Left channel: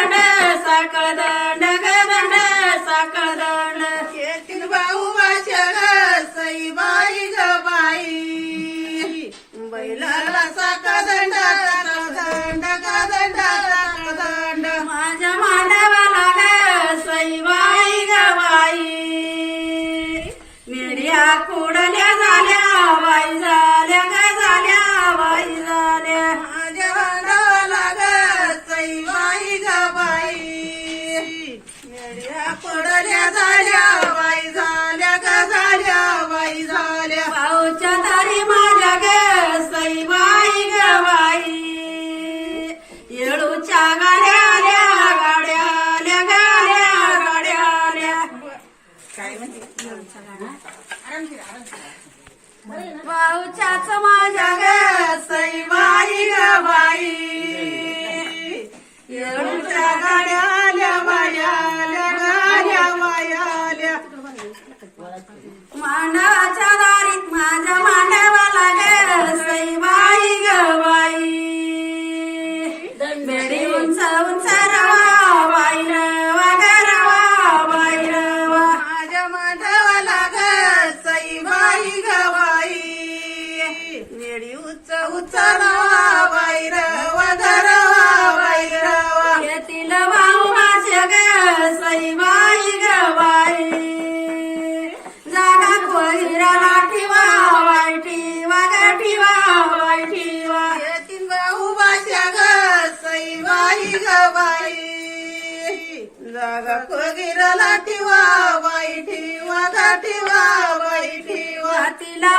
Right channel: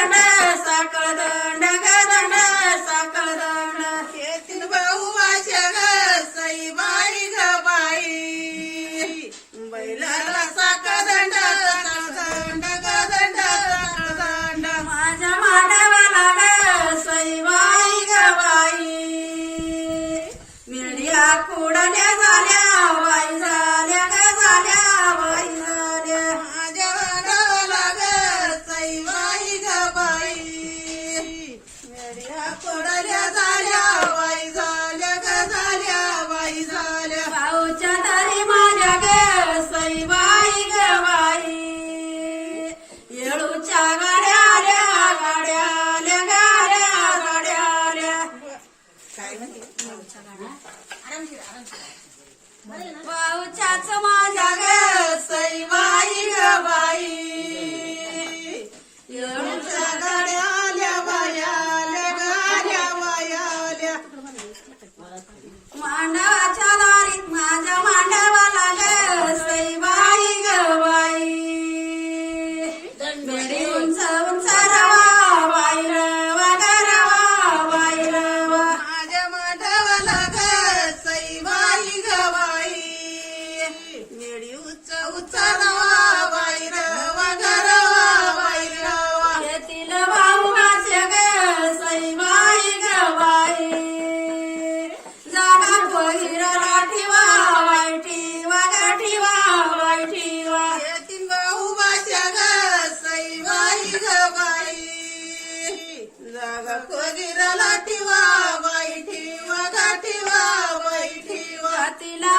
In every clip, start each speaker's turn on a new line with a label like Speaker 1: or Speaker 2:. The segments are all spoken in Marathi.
Speaker 1: दंड साखळ दंड गदंड साखळ दंड.
Speaker 2: येतील भाऊ वाशाळ सईबाई ग बाई. बैलाला साखळ दंड साखळ दंड गदंड साखळ दंड.
Speaker 1: माझ्या मानवाला ग सईबाई ग बाई. मेडिया कुडल्या झाल्या बाई तुमच्या गाड्या आल्या गाड्या आल्या गाड्या गाड्या आल्या पाऊच्याच माझ्या बाई बाई वाईठी बाई जाणार बहिराला ठेवा बाई ठेवा ग ठेवा बाई
Speaker 2: सई बाई ग बाई. जागा कोरीराला ठेवा बाई ठेवा ग ठेवा बाई
Speaker 1: तिला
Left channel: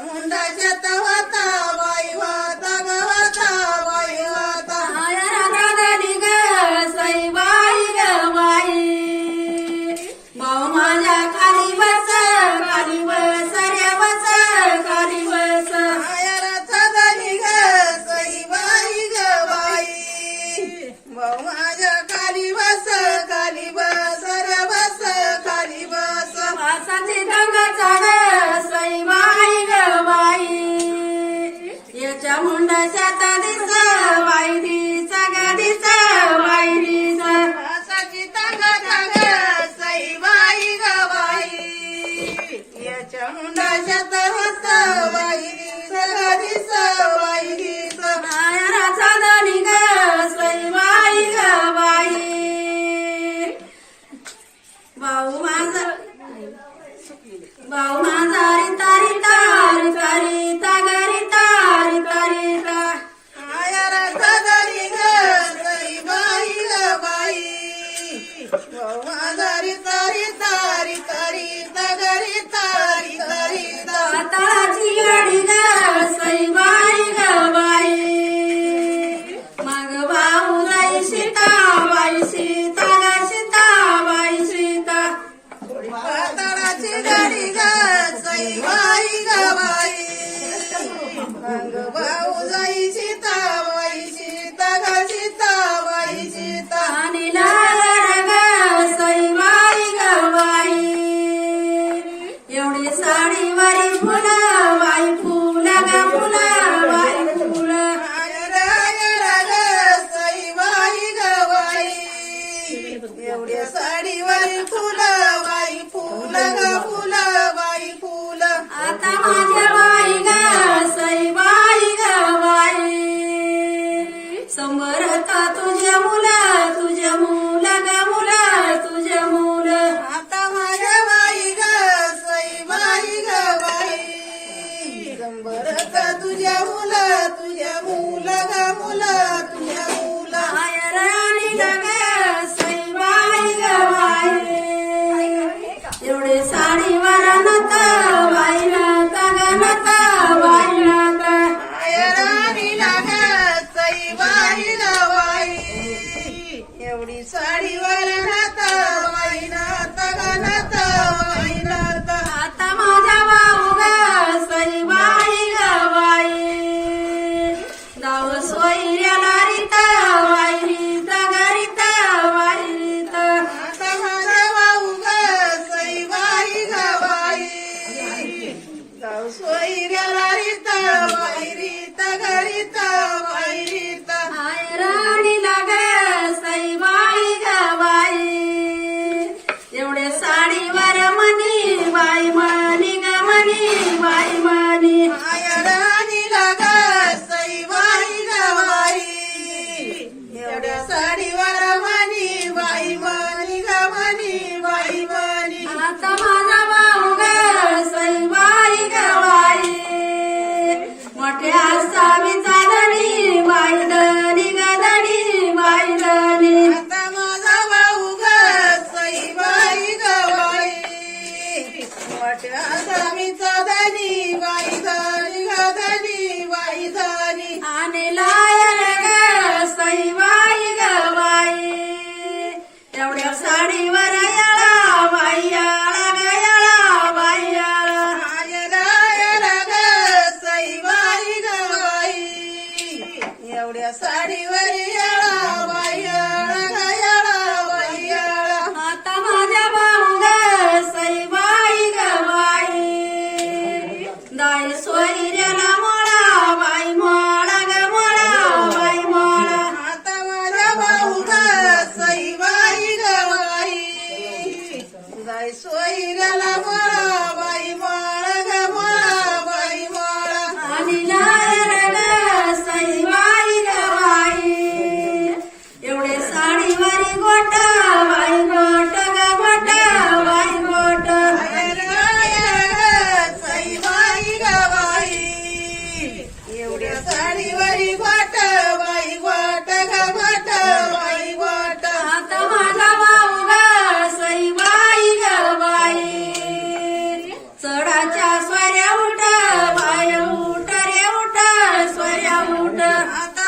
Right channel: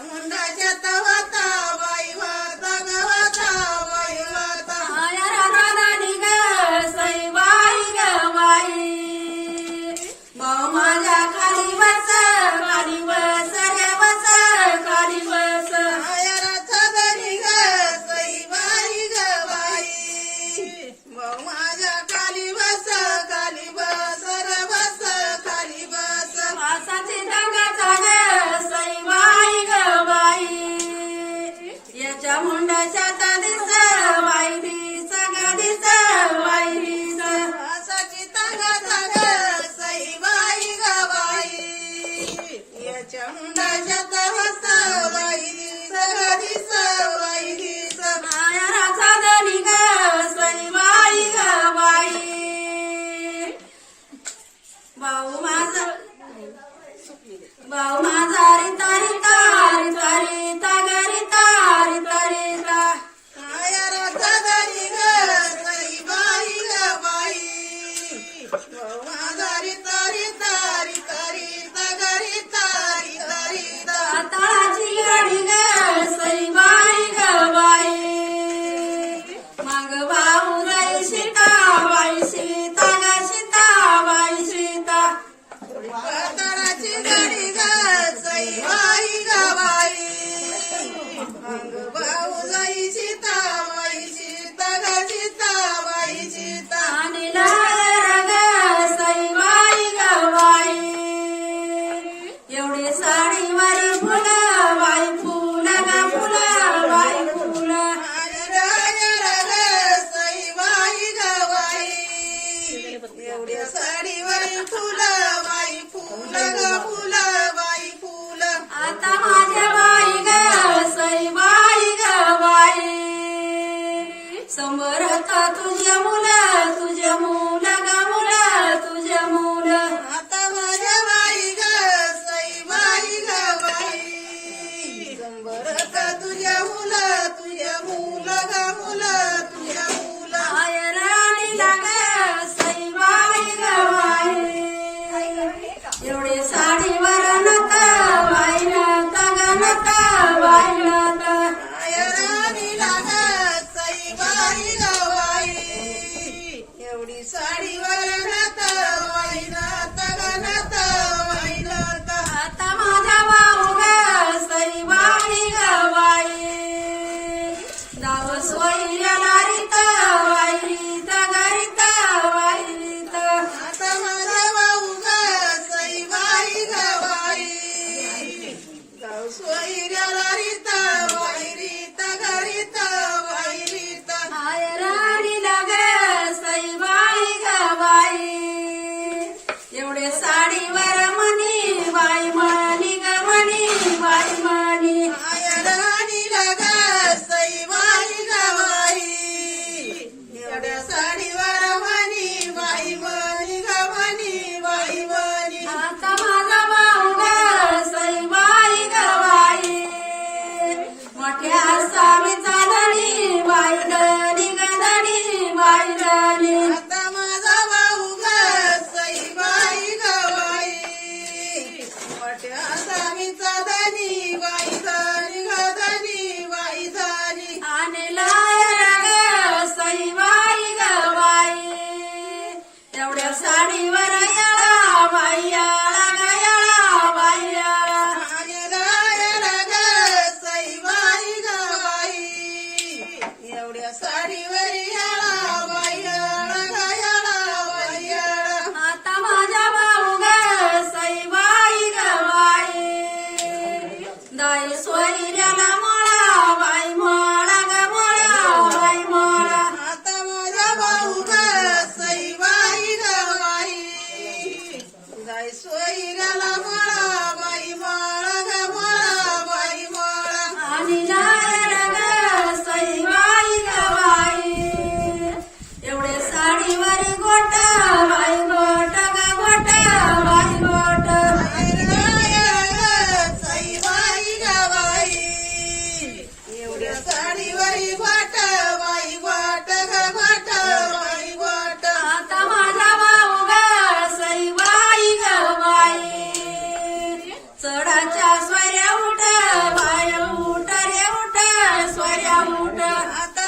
Speaker 1: मुंडाच्या तवता बाई वता गवता மதரி தரித்த फुलं ग
Speaker 2: Gloria Mutter.